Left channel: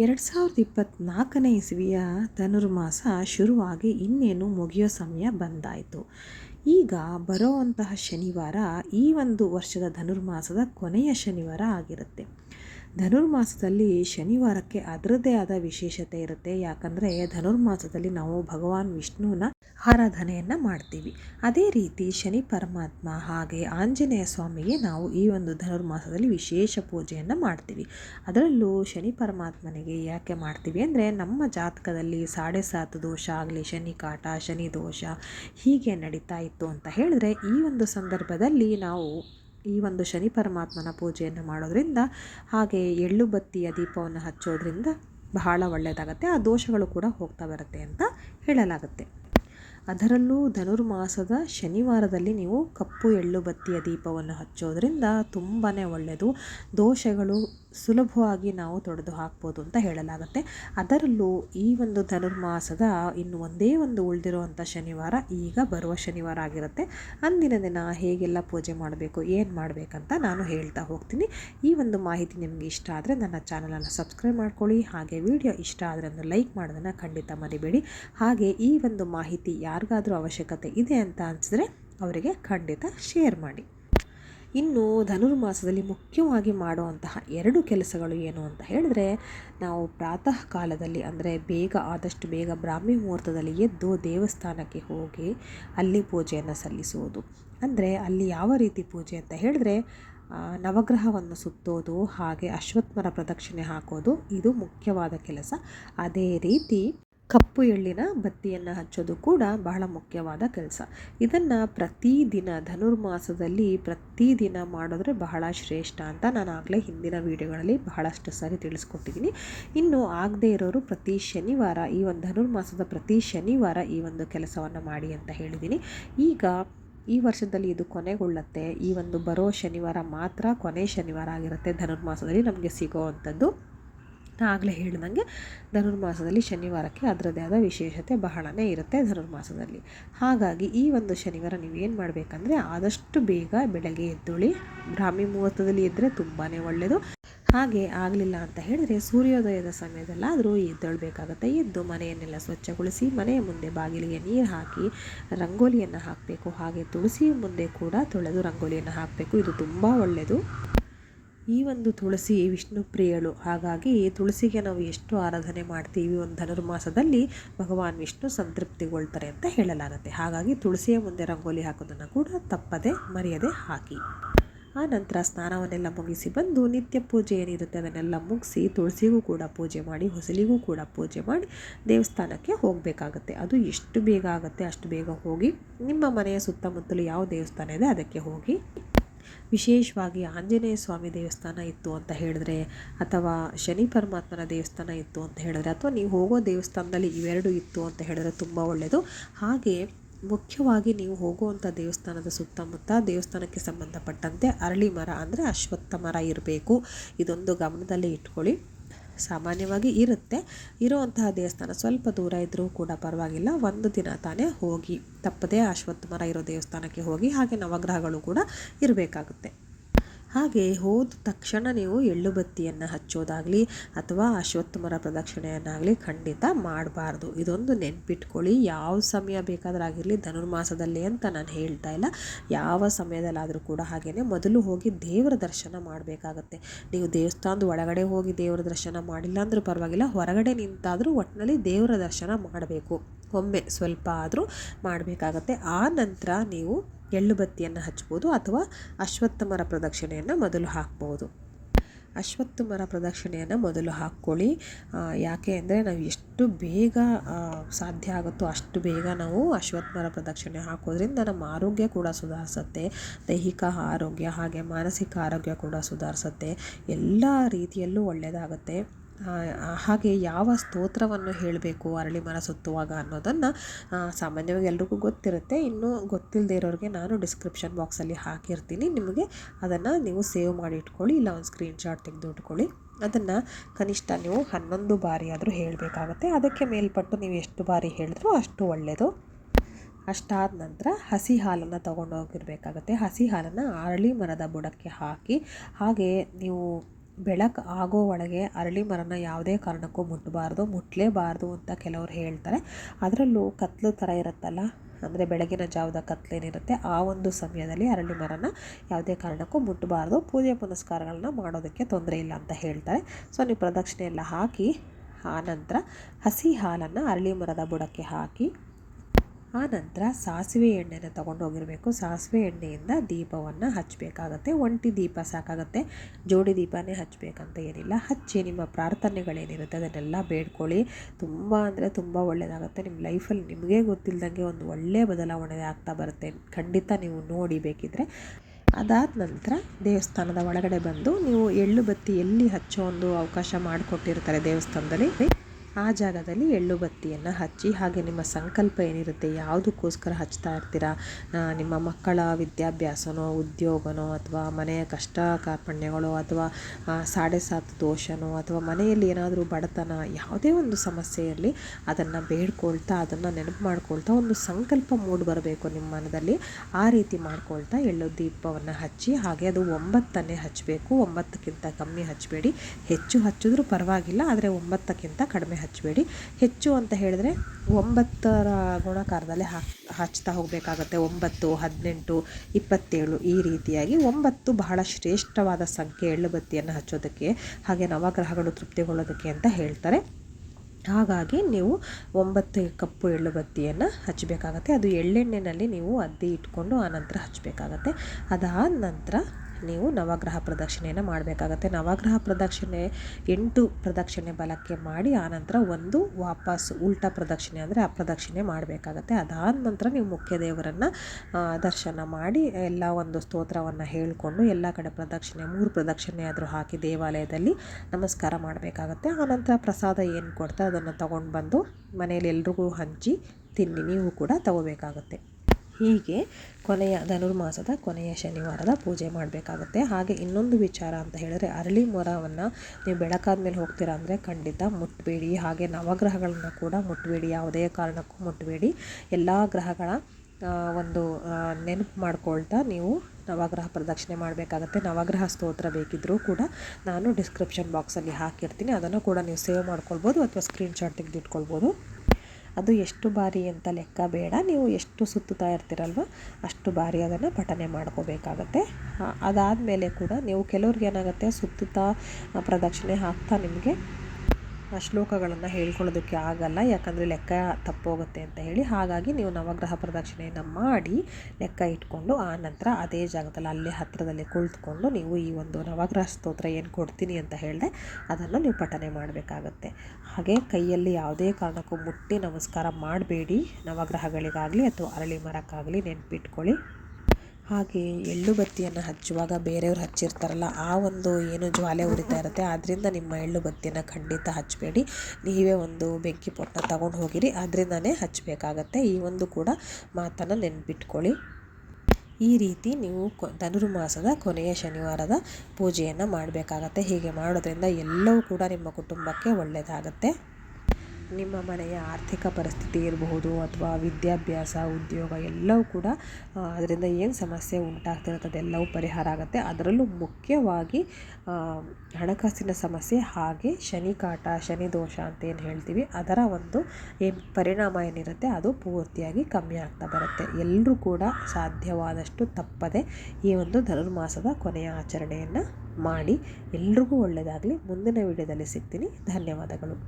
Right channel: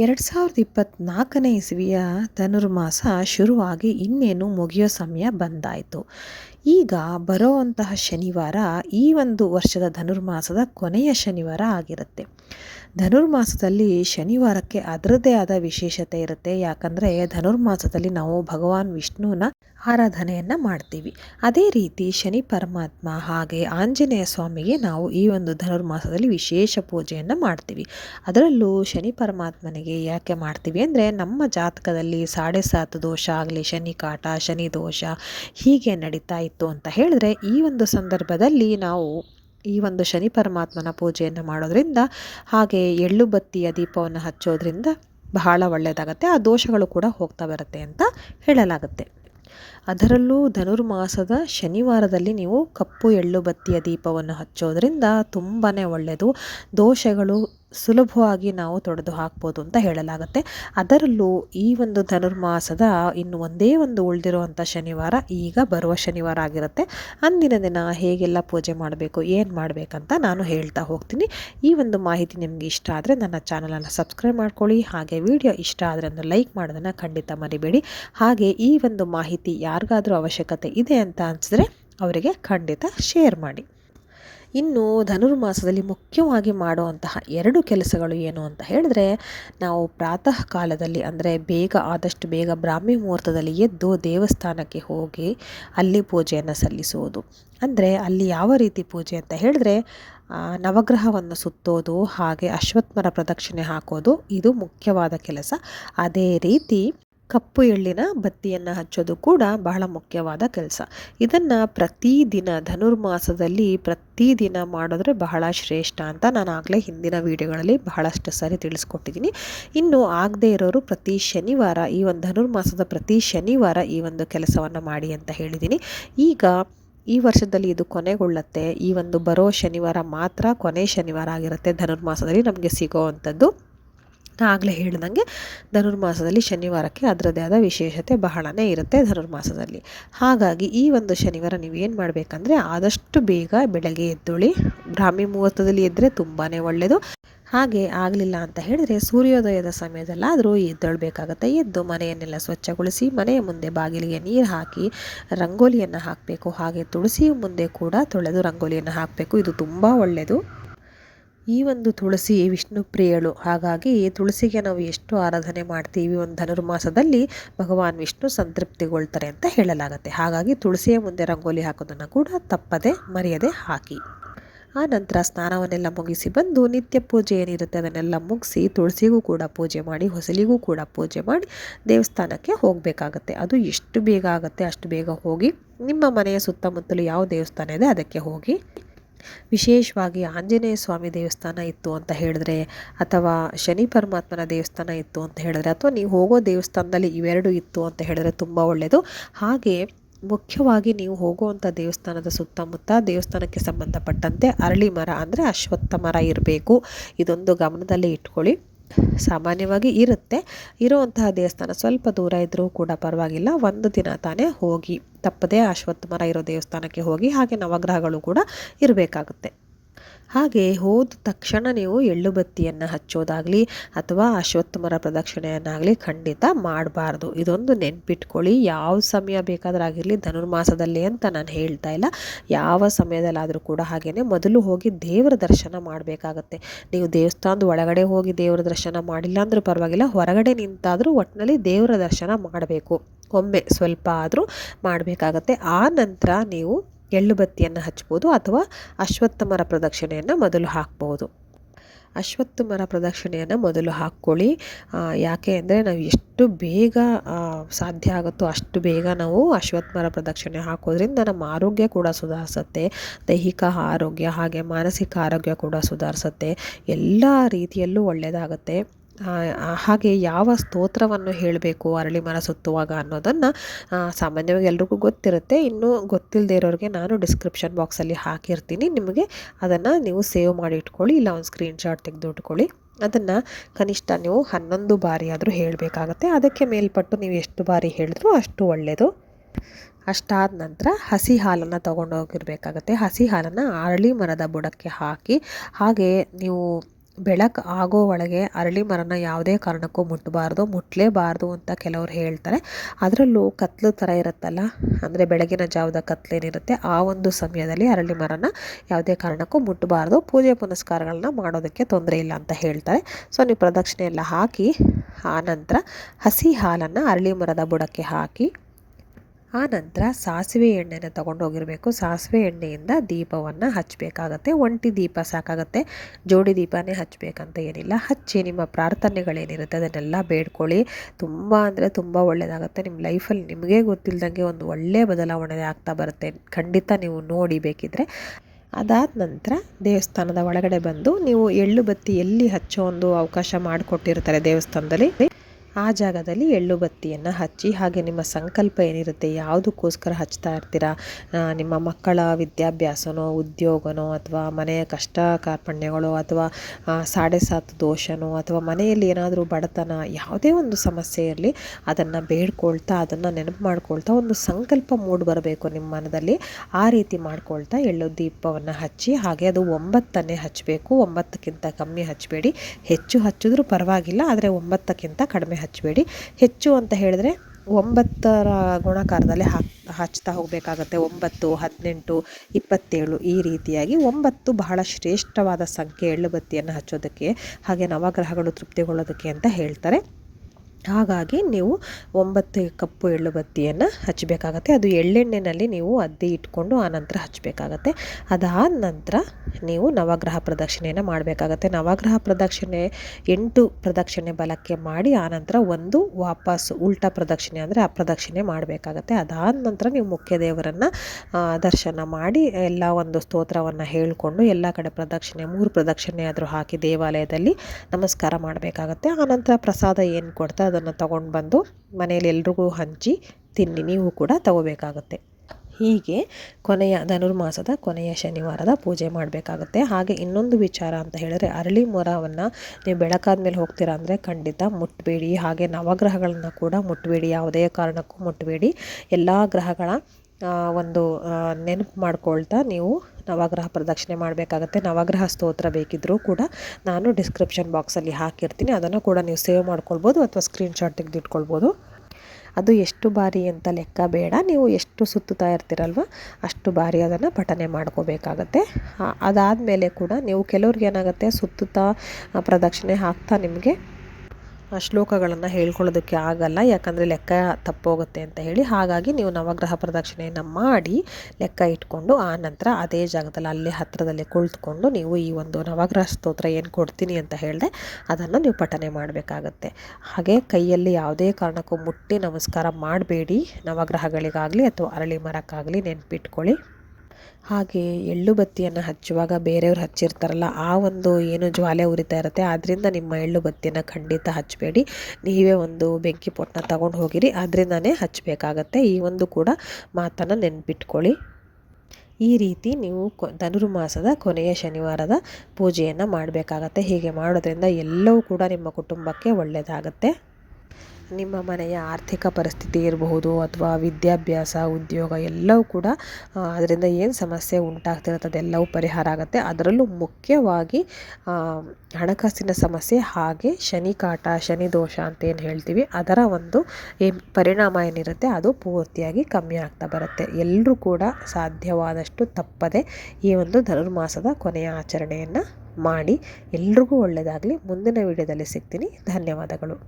2024ನೇ ಇಸವಿಯ ಧನುರ್ಮಾಸ ಶುರುವಾಗಿ ಇನ್ನೇನು ಮುಗಿಯೋ ಸಮಯ ಬಂದಾಯಿತು. ಈಗ ಬರೋವಂತಹ ಶನಿವಾರ ಈ ಒಂದು ವರ್ಷದ ಧನುರ್ಮಾಸದ ಕೊನೆಯ ಶನಿವಾರ ಆಗಿರುತ್ತೆ. ಧನುರ್ಮಾಸದಲ್ಲಿ ಶನಿವಾರಕ್ಕೆ ಅದರದ್ದೇ ಆದ ವಿಶೇಷತೆ ಇರುತ್ತೆ. ಯಾಕಂದರೆ ಧನುರ್ಮಾಸದಲ್ಲಿ ನಾವು ಭಗವಾನ್ ವಿಷ್ಣುವಿನ ಆರಾಧನೆಯನ್ನು ಮಾಡ್ತೀವಿ. ಅದೇ ರೀತಿ ಶನಿ ಪರಮಾತ್ಮ ಹಾಗೆ ಆಂಜನೇಯ ಸ್ವಾಮಿಗೆ ನಾವು ಈ ಒಂದು ಧನುರ್ಮಾಸದಲ್ಲಿ ವಿಶೇಷ ಪೂಜೆಯನ್ನು ಮಾಡ್ತೀವಿ. ಅದರಲ್ಲೂ ಶನಿ ಪರಮಾತ್ಮನಿಗೆ ಯಾಕೆ ಮಾಡ್ತೀವಿ ಅಂದರೆ, ನಮ್ಮ ಜಾತಕದಲ್ಲಿ 7.5 ದೋಷ ಆಗಲಿ, ಶನಿ ಕಾಟ, ಶನಿ ದೋಷ ಹೀಗೆ ನಡೀತಾ ಇತ್ತು ಅಂತ ಹೇಳಿದ್ರೆ, ಈ ಒಂದು ಸಂದರ್ಭದಲ್ಲಿ ನಾವು ಈ ಒಂದು ಶನಿ ಪರಮಾತ್ಮನ ಪೂಜೆಯನ್ನು ಮಾಡೋದ್ರಿಂದ ಹಾಗೆ ಎಳ್ಳು ಬತ್ತಿಯ ದೀಪವನ್ನು ಹಚ್ಚೋದ್ರಿಂದ ಬಹಳ ಒಳ್ಳೆಯದಾಗತ್ತೆ. ಆ ದೋಷಗಳು ಕೂಡ ಹೋಗ್ತಾ ಬರುತ್ತೆ ಅಂತ ಹೇಳಲಾಗುತ್ತೆ. ಅದರಲ್ಲೂ ಧನುರ್ಮಾಸದ ಶನಿವಾರದಲ್ಲಿ ನೀವು ಕಪ್ಪು ಎಳ್ಳು ಬತ್ತಿಯ ದೀಪವನ್ನು ಹಚ್ಚೋದ್ರಿಂದ ತುಂಬಾ ಒಳ್ಳೆಯದು. ದೋಷಗಳು ಸುಲಭವಾಗಿ ನಾವು ತೊಡೆದು ಹಾಕ್ಬೋದು ಅಂತ ಹೇಳಲಾಗುತ್ತೆ. ಅದರಲ್ಲೂ ಈ ಒಂದು ಧನುರ್ಮಾಸದ ಇನ್ನು ಒಂದೇ ಒಂದು ಉಳಿದಿರುವಂಥ ಶನಿವಾರ ಈಗ ಬರುವ ಶನಿವಾರ ಆಗಿರುತ್ತೆ. ಅಂದಿನ ದಿನ ಹೇಗೆಲ್ಲ ಪೂಜೆ ಮಾಡಬೇಕು, ಏನು ಮಾಡಬೇಕಂತ ನಾನು ಹೇಳ್ತಾ ಹೋಗ್ತೀನಿ. ಈ ಒಂದು ಮಾಹಿತಿ ನಿಮಗೆ ಇಷ್ಟ ಆದರೆ ನನ್ನ ಚಾನಲನ್ನು ಸಬ್ಸ್ಕ್ರೈಬ್ ಮಾಡ್ಕೊಳ್ಳಿ. ಹಾಗೆ ವಿಡಿಯೋ ಇಷ್ಟ ಆದರೆ ಒಂದು ಲೈಕ್ ಮಾಡೋದನ್ನು ಖಂಡಿತ ಮರಿಬೇಡಿ. ಹಾಗೆ ಈ ಒಂದು ಮಾಹಿತಿ ಯಾರಿಗಾದರೂ ಅವಶ್ಯಕತೆ ಇದೆ ಅಂತ ಅನಿಸಿದ್ರೆ ಅವರಿಗೆ ಖಂಡಿತ ಶೇರ್ ಮಾಡಿ. ಇನ್ನು ಧನುರ್ಮಾಸದಲ್ಲಿ ಮುಖ್ಯವಾಗಿ ಮಾಡುವಂತಹ 2 ಕೆಲಸಗಳು ಏನು ಅಂತ ಹೇಳಿದ್ರೆ, ನಾವು ಪ್ರಾತಃ ಕಾಲದಲ್ಲಿ ಅಂದರೆ ಆದಷ್ಟು ಬೇಗ ಬ್ರಾಹ್ಮಿ ಮುಹೂರ್ತದಲ್ಲಿ ಎದ್ದು ದೇವಸ್ಥಾನಕ್ಕೆ ಹೋಗಿ ಅಲ್ಲಿ ಪೂಜೆಯನ್ನು ಸಲ್ಲಿಸುವುದು. ಅಂದರೆ ಅಲ್ಲಿ ಯಾವ ರೀತಿ ಪೂಜೆ ಅಂತ ಹೇಳಿದ್ರೆ, ನವಗ್ರಹವನ್ನು ಸುತ್ತೋದು, ಹಾಗೆ ಅಶ್ವತ್ಥಮರ ಪ್ರದಕ್ಷಿಣೆ ಹಾಕೋದು ಇದು ಮುಖ್ಯವಾದ ಕೆಲಸ. ಅದೇ ರೀತಿ ಕಪ್ಪು ಎಳ್ಳಿನ ಬತ್ತಿಯನ್ನು ಹಚ್ಚೋದು ಕೂಡ ಬಹಳ ಮುಖ್ಯವಾದ ಕೆಲಸ. ಇದನ್ನು ಪ್ರತಿದಿನ ಧನುರ್ಮಾಸದಲ್ಲಿ ಪ್ರತಿದಿನ ಮಾಡಿದ್ರೆ ಬಹಳ ಶ್ರೇಷ್ಠ ಅಂತ ನಾನು ಆಗಲೇ ಹಿಂದಿನ ವಿಡಿಯೋಗಳಲ್ಲಿ ಬಹಳಷ್ಟು ಸಾರಿ ತಿಳಿಸ್ಕೊಟ್ಟಿದ್ದೀನಿ. ಇನ್ನು ಆಗದೇ ಇರೋರು ಪ್ರತಿ ಶನಿವಾರ ಈ ಒಂದು ಧನುರ್ಮಾಸದ ಪ್ರತಿ ಶನಿವಾರ ಈ ಒಂದು ಕೆಲಸವನ್ನು ಮಾಡಿ ಅಂತ ಹೇಳಿದ್ದೀನಿ. ಈಗ ಈ ವರ್ಷದಲ್ಲಿ ಇದು ಕೊನೆಗೊಳ್ಳುತ್ತೆ. ಈ ಒಂದು ಬರೋ ಶನಿವಾರ ಮಾತ್ರ ಕೊನೆ ಶನಿವಾರ ಆಗಿರುತ್ತೆ ಧನುರ್ಮಾಸದಲ್ಲಿ ನಮಗೆ ಸಿಗೋವಂಥದ್ದು. ಆಗಲೇ ಹೇಳ್ದಂಗೆ ಧನುರ್ಮಾಸದಲ್ಲಿ ಶನಿವಾರಕ್ಕೆ ಅದರದ್ದೇ ಆದ ವಿಶೇಷತೆ ಬಹಳನೇ ಇರುತ್ತೆ ಧನುರ್ಮಾಸದಲ್ಲಿ. ಹಾಗಾಗಿ ಈ ಒಂದು ಶನಿವಾರ ನೀವು ಏನು ಮಾಡಬೇಕಂದ್ರೆ, ಆದಷ್ಟು ಬೇಗ ಬೆಳಗ್ಗೆ ಎದ್ದೇಳಿ. ಬ್ರಾಹ್ಮಿ ಮುಹೂರ್ತದಲ್ಲಿ ಎದ್ದರೆ ತುಂಬಾ ಒಳ್ಳೆಯದು. ಹಾಗೆ ಆಗಲಿಲ್ಲ ಅಂತ ಹೇಳಿದರೆ ಸೂರ್ಯೋದಯದ ಸಮಯದಲ್ಲಾದರೂ ಎದ್ದೇಳಬೇಕಾಗತ್ತೆ. ಎದ್ದು ಮನೆಯನ್ನೆಲ್ಲ ಸ್ವಚ್ಛಗೊಳಿಸಿ ಮನೆಯ ಮುಂದೆ ಬಾಗಿಲಿಗೆ ನೀರು ಹಾಕಿ ರಂಗೋಲಿಯನ್ನು ಹಾಕಬೇಕು. ಹಾಗೆ ತುಳಸಿಯ ಮುಂದೆ ಕೂಡ ತೊಳೆದು ರಂಗೋಲಿಯನ್ನು ಹಾಕಬೇಕು. ಇದು ತುಂಬ ಒಳ್ಳೆಯದು. ಈ ಒಂದು ತುಳಸಿ ವಿಷ್ಣು ಪ್ರಿಯಳು. ಹಾಗಾಗಿ ತುಳಸಿಗೆ ನಾವು ಎಷ್ಟು ಆರಾಧನೆ ಮಾಡ್ತೀವಿ ಒಂದು ಧನುರ್ಮಾಸದಲ್ಲಿ ಭಗವಾನ್ ವಿಷ್ಣು ಸಂತೃಪ್ತಿಗೊಳ್ತಾರೆ ಅಂತ ಹೇಳಲಾಗುತ್ತೆ. ಹಾಗಾಗಿ ತುಳಸಿಯ ಮುಂದೆ ರಂಗೋಲಿ ಹಾಕೋದನ್ನು ಕೂಡ ತಪ್ಪದೆ ಮರೆಯದೆ ಹಾಕಿ. ಆ ನಂತರ ಸ್ನಾನವನ್ನೆಲ್ಲ ಮುಗಿಸಿ ಬಂದು ನಿತ್ಯ ಪೂಜೆ ಏನಿರುತ್ತೆ ಅದನ್ನೆಲ್ಲ ಮುಗಿಸಿ ತುಳಸಿಗೂ ಕೂಡ ಪೂಜೆ ಮಾಡಿ, ಹೊಸಲಿಗೂ ಕೂಡ ಪೂಜೆ ಮಾಡಿ ದೇವಸ್ಥಾನಕ್ಕೆ ಹೋಗಬೇಕಾಗತ್ತೆ. ಅದು ಎಷ್ಟು ಬೇಗ ಆಗುತ್ತೆ ಅಷ್ಟು ಬೇಗ ಹೋಗಿ. ನಿಮ್ಮ ಮನೆಯ ಸುತ್ತಮುತ್ತಲು ಯಾವ ದೇವಸ್ಥಾನ ಇದೆ ಅದಕ್ಕೆ ಹೋಗಿ. ವಿಶೇಷವಾಗಿ ಆಂಜನೇಯ ಸ್ವಾಮಿ ದೇವಸ್ಥಾನ ಇತ್ತು ಅಂತ ಹೇಳಿದ್ರೆ, ಅಥವಾ ಶನಿ ಪರಮಾತ್ಮನ ದೇವಸ್ಥಾನ ಇತ್ತು ಅಂತ ಹೇಳಿದ್ರೆ, ಅಥವಾ ನೀವು ಹೋಗೋ ದೇವಸ್ಥಾನದಲ್ಲಿ ಇವೆರಡು ಇತ್ತು ಅಂತ ಹೇಳಿದ್ರೆ ತುಂಬ ಒಳ್ಳೆಯದು. ಹಾಗೆ ಮುಖ್ಯವಾಗಿ ನೀವು ಹೋಗುವಂಥ ದೇವಸ್ಥಾನದ ಸುತ್ತಮುತ್ತ ದೇವಸ್ಥಾನಕ್ಕೆ ಸಂಬಂಧಪಟ್ಟಂತೆ ಅರಳಿ ಮರ ಅಂದರೆ ಅಶ್ವತ್ಥ ಮರ ಇರಬೇಕು. ಇದೊಂದು ಗಮನದಲ್ಲಿ ಇಟ್ಕೊಳ್ಳಿ. ಸಾಮಾನ್ಯವಾಗಿ ಇರುವಂತಹ ದೇವಸ್ಥಾನ ಸ್ವಲ್ಪ ದೂರ ಇದ್ದರೂ ಕೂಡ ಪರವಾಗಿಲ್ಲ, ಒಂದು ದಿನ ತಾನೇ ಹೋಗಿ ತಪ್ಪದೇ ಅಶ್ವತ್ಥ ಮರ ಇರೋ ದೇವಸ್ಥಾನಕ್ಕೆ ಹೋಗಿ. ಹಾಗೆ ನವಗ್ರಹಗಳು ಕೂಡ ಇರಬೇಕಾಗುತ್ತೆ. ಹಾಗೆ ಹೋದ ತಕ್ಷಣ ನೀವು ಎಳ್ಳು ಬತ್ತಿಯನ್ನು ಹಚ್ಚೋದಾಗಲಿ ಅಥವಾ ಅಶ್ವತ್ಥ ಮರ ಪ್ರದಕ್ಷಿಣೆಯನ್ನಾಗಲಿ ಖಂಡಿತ ಮಾಡಬಾರ್ದು. ಇದೊಂದು ನೆನ್ಪಿಟ್ಕೊಳ್ಳಿ. ಯಾವ ಸಮಯ ಬೇಕಾದರೂ ಆಗಿರಲಿ, ಧನುರ್ಮಾಸದಲ್ಲಿ ಅಂತ ನಾನು ಹೇಳ್ತಾ ಇಲ್ಲ, ಯಾವ ಸಮಯದಲ್ಲಾದರೂ ಕೂಡ ಹಾಗೆಯೇ ಮೊದಲು ಹೋಗಿ ದೇವರ ದರ್ಶನ ಮಾಡಬೇಕಾಗತ್ತೆ. ನೀವು ದೇವಸ್ಥಾನದ ಒಳಗಡೆ ಹೋಗಿ ದೇವರ ದರ್ಶನ ಮಾಡಿಲ್ಲ ಅಂದರೂ ಪರವಾಗಿಲ್ಲ, ಹೊರಗಡೆ ನಿಂತಾದರೂ ಒಟ್ಟಿನಲ್ಲಿ ದೇವರ ದರ್ಶನ ಮಾಡಬೇಕು. ಒಮ್ಮೆ ಸ್ವಲ್ಪ ಆದರೂ ಮಾಡಬೇಕಾಗತ್ತೆ. ಆ ನಂತರ ನೀವು ಎಳ್ಳು ಬತ್ತಿಯನ್ನು ಹಚ್ಬೋದು ಅಥವಾ ಅಶ್ವತ್ಥ ಮರ ಪ್ರದಕ್ಷಿಣೆಯನ್ನು ಮೊದಲು ಹಾಕ್ಬೋದು. ಅಶ್ವತ್ಥ ಮರ ಪ್ರದಕ್ಷಿಣೆಯನ್ನು ಮೊದಲು ಹಾಕ್ಕೊಳ್ಳಿ. ಯಾಕೆ ಅಂದರೆ ನಾವು ಎಷ್ಟು ಬೇಗ ಸಾಧ್ಯ ಆಗುತ್ತೋ ಅಷ್ಟು ಬೇಗ ನಾವು ಅಶ್ವತ್ಥ ಮರ ಪ್ರದಕ್ಷಿಣೆ ಹಾಕೋದ್ರಿಂದ ನಮ್ಮ ಆರೋಗ್ಯ ಕೂಡ ಸುಧಾರಿಸುತ್ತೆ. ದೈಹಿಕ ಆರೋಗ್ಯ ಹಾಗೆ ಮಾನಸಿಕ ಆರೋಗ್ಯ ಕೂಡ ಸುಧಾರಿಸುತ್ತೆ. ಎಲ್ಲ ರೀತಿಯಲ್ಲೂ ಒಳ್ಳೆಯದಾಗುತ್ತೆ. ಹಾಗೆ ಯಾವ ಸ್ತೋತ್ರವನ್ನು ಹೇಳಬೇಕು ಅರಳಿ ಮರ ಸುತ್ತುವಾಗ ಅನ್ನೋದನ್ನು ಸಾಮಾನ್ಯವಾಗಿ ಎಲ್ರಿಗೂ ಗೊತ್ತಿರುತ್ತೆ. ಇನ್ನೂ ಗೊತ್ತಿಲ್ಲದೆ ಇರೋರಿಗೆ ನಾನು ಡಿಸ್ಕ್ರಿಪ್ಷನ್ ಬಾಕ್ಸಲ್ಲಿ ಹಾಕಿರ್ತೀನಿ. ನಿಮಗೆ ಅದನ್ನು ನೀವು ಸೇವ್ ಮಾಡಿ ಇಟ್ಕೊಳ್ಳಿ, ಇಲ್ಲ ಒಂದು ಸ್ಕ್ರೀನ್ಶಾಟ್ ತೆಗೆದು ಇಟ್ಕೊಳ್ಳಿ. ಅದನ್ನು ಕನಿಷ್ಠ ನೀವು 11 ಬಾರಿ ಆದರೂ ಹೇಳಬೇಕಾಗತ್ತೆ. ಅದಕ್ಕೆ ಮೇಲ್ಪಟ್ಟು ನೀವು ಎಷ್ಟು ಬಾರಿ ಹೇಳಿದ್ರೂ ಅಷ್ಟು ಒಳ್ಳೆಯದು. ಅಷ್ಟಾದ ನಂತರ ಹಸಿ ಹಾಲನ್ನು ತೊಗೊಂಡೋಗಿರಬೇಕಾಗತ್ತೆ. ಹಸಿ ಹಾಲನ್ನು ಅರಳಿ ಮರದ ಬುಡಕ್ಕೆ ಹಾಕಿ, ಹಾಗೆ ನೀವು ಬೆಳಕು ಆಗೋ ಒಳಗೆ ಅರಳಿ ಮರನ ಯಾವುದೇ ಕಾರಣಕ್ಕೂ ಮುಟ್ಟಲೇಬಾರ್ದು ಅಂತ ಕೆಲವರು ಹೇಳ್ತಾರೆ. ಅದರಲ್ಲೂ ಕತ್ಲು ಥರ ಇರುತ್ತಲ್ಲ, ಅಂದರೆ ಬೆಳಗಿನ ಜಾವದ ಕತ್ಲೇನಿರುತ್ತೆ ಆ ಒಂದು ಸಮಯದಲ್ಲಿ ಅರಳಿ ಮರನ ಯಾವುದೇ ಕಾರಣಕ್ಕೂ ಮುಟ್ಟಬಾರ್ದು. ಪೂಜೆ ಪುನಸ್ಕಾರಗಳನ್ನ ಮಾಡೋದಕ್ಕೆ ತೊಂದರೆ ಇಲ್ಲ ಅಂತ ಹೇಳ್ತಾರೆ. ಸೊ ನೀವು ಪ್ರದಕ್ಷಿಣೆ ಎಲ್ಲ ಹಾಕಿ ಆನಂತರ ಹಸಿ ಹಾಲನ್ನು ಅರಳಿ ಮರದ ಬುಡಕ್ಕೆ ಹಾಕಿ ಆನಂತರ ಸಾಸಿವೆ ಎಣ್ಣೆನ ತೊಗೊಂಡೋಗಿರಬೇಕು. ಸಾಸಿವೆ ಎಣ್ಣೆಯಿಂದ ದೀಪವನ್ನು ಹಚ್ಚಬೇಕಾಗತ್ತೆ. ಒಂಟಿ ದೀಪ ಸಾಕಾಗತ್ತೆ, ಜೋಡಿ ದೀಪನೇ ಹಚ್ಚಬೇಕಂತ ಏನಿಲ್ಲ. ಹಚ್ಚಿ ನಿಮ್ಮ ಪ್ರಾರ್ಥನೆಗಳೇನಿರುತ್ತೆ ಅದನ್ನೆಲ್ಲ ಬೇಡ್ಕೊಳ್ಳಿ. ತುಂಬ ಅಂದರೆ ತುಂಬ ಒಳ್ಳೆಯದಾಗುತ್ತೆ. ನಿಮ್ಮ ಲೈಫಲ್ಲಿ ನಿಮಗೇ ಗೊತ್ತಿಲ್ಲದಂಗೆ ಒಂದು ಒಳ್ಳೆಯ ಬದಲಾವಣೆ ಆಗ್ತಾ ಬರುತ್ತೆ. ಖಂಡಿತ ನೀವು ನೋಡಿ ಬೇಕಿದ್ರೆ. ಅದಾದ ನಂತರ ದೇವಸ್ಥಾನದ ಒಳಗಡೆ ಬಂದು ನೀವು ಎಳ್ಳು ಬತ್ತಿ ಎಲ್ಲಿ ಹಚ್ಚೋ ಒಂದು ಅವಕಾಶ ಮಾಡಿಕೊಟ್ಟಿರ್ತಾರೆ ದೇವಸ್ಥಾನದಲ್ಲಿ, ಆ ಜಾಗದಲ್ಲಿ ಎಳ್ಳು ಬತ್ತಿಯನ್ನು ಹಚ್ಚಿ, ಹಾಗೆ ನಿಮ್ಮ ಸಂಕಲ್ಪ ಏನಿರುತ್ತೆ, ಯಾವುದಕ್ಕೋಸ್ಕರ ಹಚ್ತಾ ಇರ್ತೀರಾ, ನಿಮ್ಮ ಮಕ್ಕಳ ವಿದ್ಯಾಭ್ಯಾಸನೋ ಉದ್ಯೋಗನೋ ಅಥವಾ ಮನೆಯ ಕಷ್ಟ ಕಾರ್ಪಣ್ಯಗಳು ಅಥವಾ 7.5 ದೋಷನೋ ಅಥವಾ ಮನೆಯಲ್ಲಿ ಏನಾದರೂ ಬಡತನ ಯಾವುದೇ ಒಂದು ಸಮಸ್ಯೆ ಇರಲಿ ಅದನ್ನು ಬೇಡ್ಕೊಳ್ತಾ ಅದನ್ನು ನೆನಪು ಮಾಡ್ಕೊಳ್ತಾ ಒಂದು ಸಂಕಲ್ಪ ಮೂಡಿ ಬರಬೇಕು ನಿಮ್ಮ ಮನದಲ್ಲಿ. ಆ ರೀತಿ ಮಾಡ್ಕೊಳ್ತಾ ಎಳ್ಳು ದೀಪವನ್ನು ಹಚ್ಚಿ, ಹಾಗೆ ಅದು 9 ಹಚ್ಚಬೇಕು. 9ಕ್ಕಿಂತ ಕಮ್ಮಿ ಹಚ್ಚಬೇಡಿ. ಹೆಚ್ಚು ಹಚ್ಚಿದ್ರೂ ಪರವಾಗಿಲ್ಲ, ಆದರೆ 9ಕ್ಕಿಂತ ಕಡಿಮೆ ಹಚ್ಚಬೇಡಿ. ಹೆಚ್ಚು ಅಂತ ಹೇಳಿದ್ರೆ 9ರ ಗುಣಾಕಾರದಲ್ಲಿ ಹಚ್ತಾ ಹೋಗಬೇಕಾಗತ್ತೆ. 9, 18, 27 ಈ ರೀತಿಯಾಗಿ 9 ಬಹಳ ಶ್ರೇಷ್ಠವಾದ ಸಂಖ್ಯೆ ಎಳ್ಳು ಬತ್ತಿಯನ್ನು ಹಚ್ಚೋದಕ್ಕೆ, ಹಾಗೆ ನವಗ್ರಹಗಳು ತೃಪ್ತಿಗೊಳ್ಳೋದಕ್ಕೆ ಅಂತ ಹೇಳ್ತಾರೆ. ಹಾಗಾಗಿ ನೀವು 9 ಕಪ್ಪು ಎಳ್ಳು ಬತ್ತಿಯನ್ನು ಹಚ್ಚಬೇಕಾಗತ್ತೆ. ಅದು ಎಳ್ಳೆಣ್ಣೆಯಲ್ಲಿ ನೀವು ಅದ್ದಿ ಇಟ್ಕೊಂಡು ಆನಂತರ ಹಚ್ಚಬೇಕಾಗತ್ತೆ. ಅದಾದ ನಂತರ ನೀವು ನವಗ್ರಹ ಪ್ರದಕ್ಷಿಣೆಯನ್ನು ಮಾಡಬೇಕಾಗತ್ತೆ. ನವಗ್ರಹ ಪ್ರದಕ್ಷಿಣೆ 8 ಪ್ರದಕ್ಷಿಣೆ ಬಲಕ್ಕೆ ಮಾಡಿ ಆನಂತರ ಒಂದು ವಾಪಸ್ ಉಲ್ಟಾ ಪ್ರದಕ್ಷಿಣೆ ಅಂದರೆ ಅಪ್ರದಕ್ಷಿಣೆ ಮಾಡಬೇಕಾಗತ್ತೆ. ಅದಾದ ನಂತರ ನೀವು ಮುಖ್ಯ ದೇವರನ್ನು ದರ್ಶನ ಮಾಡಿ ಎಲ್ಲ ಒಂದು ಸ್ತೋತ್ರವನ್ನು ಹೇಳಿಕೊಂಡು ಎಲ್ಲ ಕಡೆ ಪ್ರದಕ್ಷಿಣೆ 3 ಪ್ರದಕ್ಷಿಣೆ ಆದರೂ ಹಾಕಿ ದೇವಾಲಯದಲ್ಲಿ ನಮಸ್ಕಾರ ಮಾಡಬೇಕಾಗತ್ತೆ. ಆನಂತರ ಪ್ರಸಾದ ಏನು ಕೊಡ್ತಾ ಅದನ್ನು ತಗೊಂಡು ಬಂದು ಮನೆಯಲ್ಲಿ ಎಲ್ರಿಗೂ ಹಂಚಿ ತಿನ್ನಿ, ನೀವು ಕೂಡ ತಗೋಬೇಕಾಗುತ್ತೆ. ಹೀಗೆ ಧನುರ್ಮಾಸದ ಕೊನೆಯ ಶನಿವಾರದ ಪೂಜೆ ಮಾಡಬೇಕಾಗತ್ತೆ. ಹಾಗೆ ಇನ್ನೊಂದು ವಿಚಾರ ಅಂತ ಹೇಳಿದ್ರೆ, ಅರಳಿ ಮರವನ್ನು ನೀವು ಬೆಳಕಾದ ಮೇಲೆ ಹೋಗ್ತೀರಾ ಅಂದರೆ ಖಂಡಿತ ಮುಟ್ಟಬೇಡಿ. ಹಾಗೆ ನವಗ್ರಹಗಳನ್ನು ಕೂಡ ಮುಟ್ಟಬೇಡಿ, ಯಾವುದೇ ಕಾರಣಕ್ಕೂ ಮುಟ್ಟಬೇಡಿ. ಎಲ್ಲ ಗ್ರಹಗಳ ಒಂದು ನೆನಪು ಮಾಡ್ಕೊಳ್ತಾ ನೀವು ನವಗ್ರಹ ಪ್ರದಕ್ಷಿಣೆ ಮಾಡಬೇಕಾಗತ್ತೆ. ನವಗ್ರಹ ಸ್ತೋತ್ರ ಬೇಕಿದ್ದರೂ ಕೂಡ ನಾನು ಡಿಸ್ಕ್ರಿಪ್ಷನ್ ಬಾಕ್ಸಲ್ಲಿ ಹಾಕಿರ್ತೀನಿ, ಅದನ್ನು ಕೂಡ ನೀವು ಸೇವ್ ಮಾಡ್ಕೊಳ್ಬೋದು ಅಥವಾ ಸ್ಕ್ರೀನ್ಶಾಟ್ ತೆಗೆದಿಟ್ಕೊಳ್ಬೋದು. ಅದು ಎಷ್ಟು ಬಾರಿ ಅಂತ ಲೆಕ್ಕ ಬೇಡ, ನೀವು ಎಷ್ಟು ಸುತ್ತುತ್ತಾ ಇರ್ತೀರಲ್ವ ಅಷ್ಟು ಬಾರಿ ಅದನ್ನು ಪಠನೆ ಮಾಡ್ಕೋಬೇಕಾಗತ್ತೆ. ಅದಾದಮೇಲೆ ಕೂಡ ನೀವು ಕೆಲವ್ರಿಗೆ ಏನಾಗುತ್ತೆ, ಸುತ್ತುತ್ತಾ ಪ್ರದಕ್ಷಿಣೆ ಹಾಕ್ತಾ ನಿಮಗೆ ಶ್ಲೋಕಗಳನ್ನು ಹೇಳ್ಕೊಳ್ಳೋದಕ್ಕೆ ಆಗಲ್ಲ, ಯಾಕಂದರೆ ಲೆಕ್ಕ ತಪ್ಪೋಗುತ್ತೆ ಅಂತ ಹೇಳಿ. ಹಾಗಾಗಿ ನೀವು ನವಗ್ರಹ ಪ್ರದಕ್ಷಿಣೆಯನ್ನು ಮಾಡಿ ಲೆಕ್ಕ ಇಟ್ಕೊಂಡು ಆನಂತರ ಅದೇ ಜಾಗದಲ್ಲಿ ಅಲ್ಲೇ ಹತ್ತಿರದಲ್ಲಿ ಕುಳಿತುಕೊಂಡು ನೀವು ಈ ಒಂದು ನವಗ್ರಹ ಸ್ತೋತ್ರ ಏನು ಕೊಡ್ತೀನಿ ಅಂತ ಹೇಳಿದೆ ಅದನ್ನು ನೀವು ಪಠನೆ ಮಾಡಬೇಕಾಗತ್ತೆ. ಹಾಗೆ ಕೈಯಲ್ಲಿ ಯಾವುದೇ ಕಾರಣಕ್ಕೂ ಮುಟ್ಟಿ ನಮಸ್ಕಾರ ಮಾಡಬೇಡಿ, ನವಗ್ರಹಗಳಿಗಾಗಲಿ ಅಥವಾ ಅರಳಿ ಮರಕ್ಕಾಗಲಿ ನೆನಪಿಟ್ಕೊಳ್ಳಿ. ಹಾಗೆ ಎಳ್ಳು ಬತ್ತಿಯನ್ನು ಹಚ್ಚುವಾಗ ಬೇರೆಯವ್ರು ಹಚ್ಚಿರ್ತಾರಲ್ಲ ಆ ಒಂದು ಏನು ಜ್ವಾಲೆ ಉರಿತಾ ಇರುತ್ತೆ ಅದರಿಂದ ನಿಮ್ಮ ಎಳ್ಳು ಬತ್ತಿಯನ್ನು ಖಂಡಿತ ಹಚ್ಚಬೇಡಿ. ನೀವೇ ಒಂದು ಬೆಂಕಿ ಪೊಟ್ಟನ್ನ ತಗೊಂಡು ಹೋಗಿರಿ, ಅದರಿಂದನೇ ಹಚ್ಚಬೇಕಾಗತ್ತೆ. ಈ ಒಂದು ಕೂಡ ಮಾತನ್ನು ನೆನಪಿಟ್ಕೊಳ್ಳಿ. ಈ ರೀತಿ ನೀವು ಧನುರ್ಮಾಸದ ಕೊನೆಯ ಶನಿವಾರದ ಪೂಜೆಯನ್ನು ಮಾಡಬೇಕಾಗತ್ತೆ. ಹೀಗೆ ಮಾಡೋದ್ರಿಂದ ಎಲ್ಲವೂ ಕೂಡ ನಿಮ್ಮ ಕುಟುಂಬಕ್ಕೆ ಒಳ್ಳೆಯದಾಗತ್ತೆ. ನಿಮ್ಮ ಮನೆಯ ಆರ್ಥಿಕ ಪರಿಸ್ಥಿತಿ ಇರಬಹುದು ಅಥವಾ ವಿದ್ಯಾಭ್ಯಾಸ ಉದ್ಯೋಗ ಎಲ್ಲವೂ ಕೂಡ ಅದರಿಂದ ಏನು ಸಮಸ್ಯೆ ಉಂಟಾಗ್ತಿರುತ್ತೆ ಅದೆಲ್ಲವೂ ಪರಿಹಾರ ಆಗುತ್ತೆ. ಅದರಲ್ಲೂ ಮುಖ್ಯವಾಗಿ ಹಣಕಾಸಿನ ಸಮಸ್ಯೆ ಹಾಗೆ ಶನಿ ಕಾಟ ಶನಿ ದೋಷ ಅಂತ ಏನು ಹೇಳ್ತೀವಿ ಅದರ ಒಂದು ಪರಿಣಾಮ ಏನಿರುತ್ತೆ ಅದು ಪೂರ್ತಿಯಾಗಿ ಕಮ್ಮಿ ಆಗ್ತಾ ಬರುತ್ತೆ. ಎಲ್ಲರೂ ಕೂಡ ಸಾಧ್ಯವಾದಷ್ಟು ತಪ್ಪದೆ ಈ ಒಂದು ಧನುರ್ಮಾಸದ ಕೊನೆಯ ಆಚರಣೆಯನ್ನು ಮಾಡಿ. ಎಲ್ರಿಗೂ ಒಳ್ಳೆಯದಾಗಲಿ. ಮುಂದಿನ ವಿಡಿಯೋದಲ್ಲಿ ಸಿಗ್ತೀನಿ. ಧನ್ಯವಾದಗಳು.